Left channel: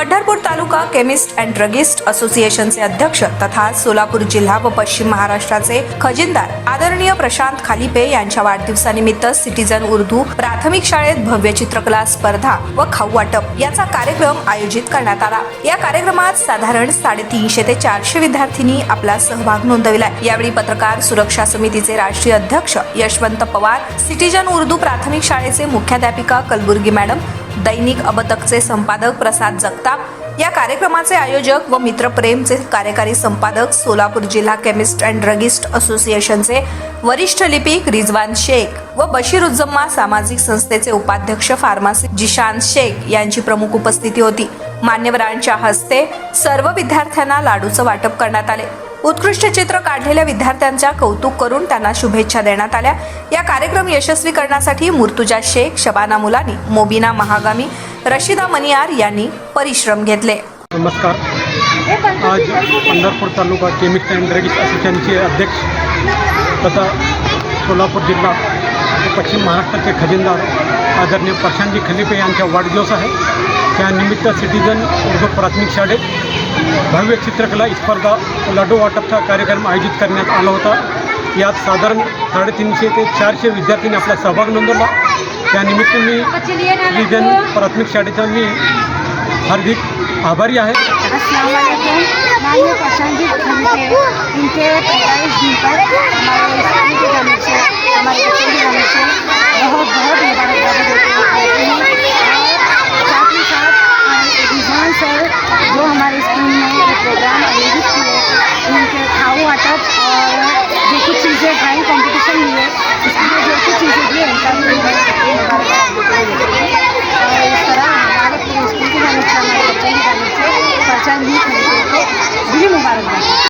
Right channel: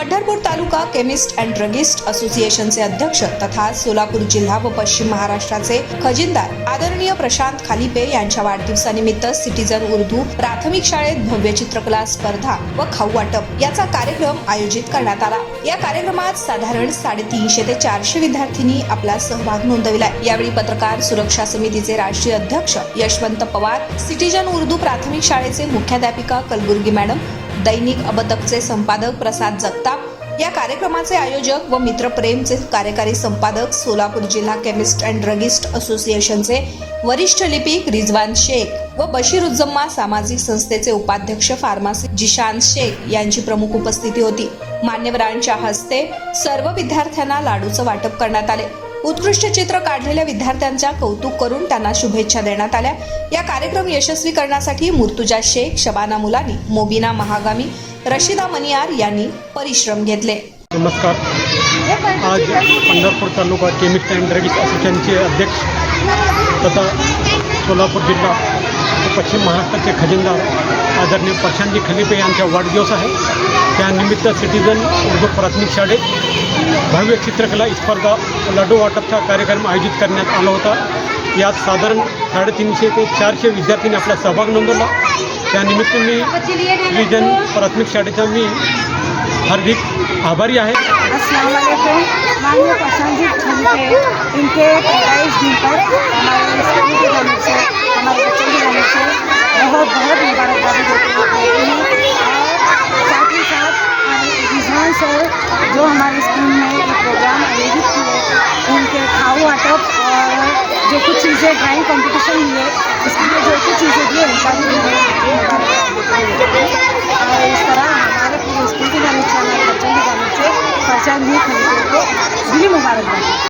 पंढरपूर तालुका chemist and druggist असोसिएशनचे अध्यक्ष तथा सोलापूर जिल्हा व पश्चिम महाराष्ट्राचे खजिनदार आदरणीय प्रशांत खालिपे यांच्या वाढदिवसानिमित्त सिटीजन उर्दू प्राथमिक शाळेत भव्य चित्रकला स्पर्धा व खाऊ वाटप याचा कार्यक्रम आयोजित करण्यात आला. या कार्यक्रमात साधारण साडेतीनशे ते चारशे विद्यार्थ्यांनी आपला सहभाग नोंदविलाय. यावेळी पत्रकार सुरक्षा समितीचे राष्ट्रीय अध्यक्ष यशवंत पवार सिटीजन उर्दू प्राथमिक शाळेचे मुख्याध्यापिका कलबुर्गी मॅडम दैनिक अबतकचे संपादक प्रसाद जगताप या कार्यक्रमाचे आयोजक व मित्रप्रेमचे कार्यकारी संपादक सोलापूर जिल्हा केमिस्ट अँड ड्रगिस्ट असोसिएशनचे वरिष्ठ लिपिक रिजवान शेख व बशीरुज्जम्मा सामाजिक संस्थेचे उपाध्यक्ष फार्मासी जिशान शेख यांची प्रमुख उपस्थिती होती. मान्यवरांच्या हस्ते सर्व विद्यार्थ्यांना लाडूचं वाटप करण्यात आले. उत्कृष्ट चित्र काढलेल्या विद्यार्थ्यांच्या कौतुक करून त्यांना शुभेच्छा देण्यात आल्या. या कार्यक्रम यशस्वी करण्यासाठी मुर्तुजा शेख शबाना मुलानी मोबिना महागामी रशिदा मनियार यांनी परिश्रम घेतले. नमस्कार. आज पंढरपूर तालुका केमिस्ट अँड ड्रग्स असोसिएशनचे अध्यक्ष तथा सोलापूर जिल्हा पश्चिम महाराष्ट्राचे खजिनदार आदरणीय प्रशांतजी खलिपे यांचा वाढदिवस आहे. त्यानिमित्त सिटीजन उर्दू प्राथमिक शाळेत भव्य चित्रकला स्पर्धा लाडू वाटपचा कार्यक्रम आयोजित करण्यात आला होता. यात साधारण साडेतीनशे ते चारशे विद्यार्थ्यांनी आपला सहभाग नोंदवला. त्यानिमित्त मी सिटीजन प्राथमिक शाळेचा मी हार्दिक आभारी आहे. माननीय प्रशांत जी इनके पैदाइश दिन पर हमारे स्कूल हमारे बच्चों की जानिब से बहुत बहुत मुबारकबादी देते देते हैं और साथ ही साथ रिजवान सर जो हमारे स्कूल में एक प्रोग्राम आयोजित किए उनके खाऊ वाटप और जो कुछ चीज़ें ड्राइंग कंपटीशन हुए उसके लिए जो कुछ चीज़ें दिए उनका भी उन्हें मुबारकबाद देते हैं और इस तरह हमारे पूरे स्कूल की जानी से हमारे बच्चों की जानी से प्रशांत जी खरीदों को दिली मुबारकबाद।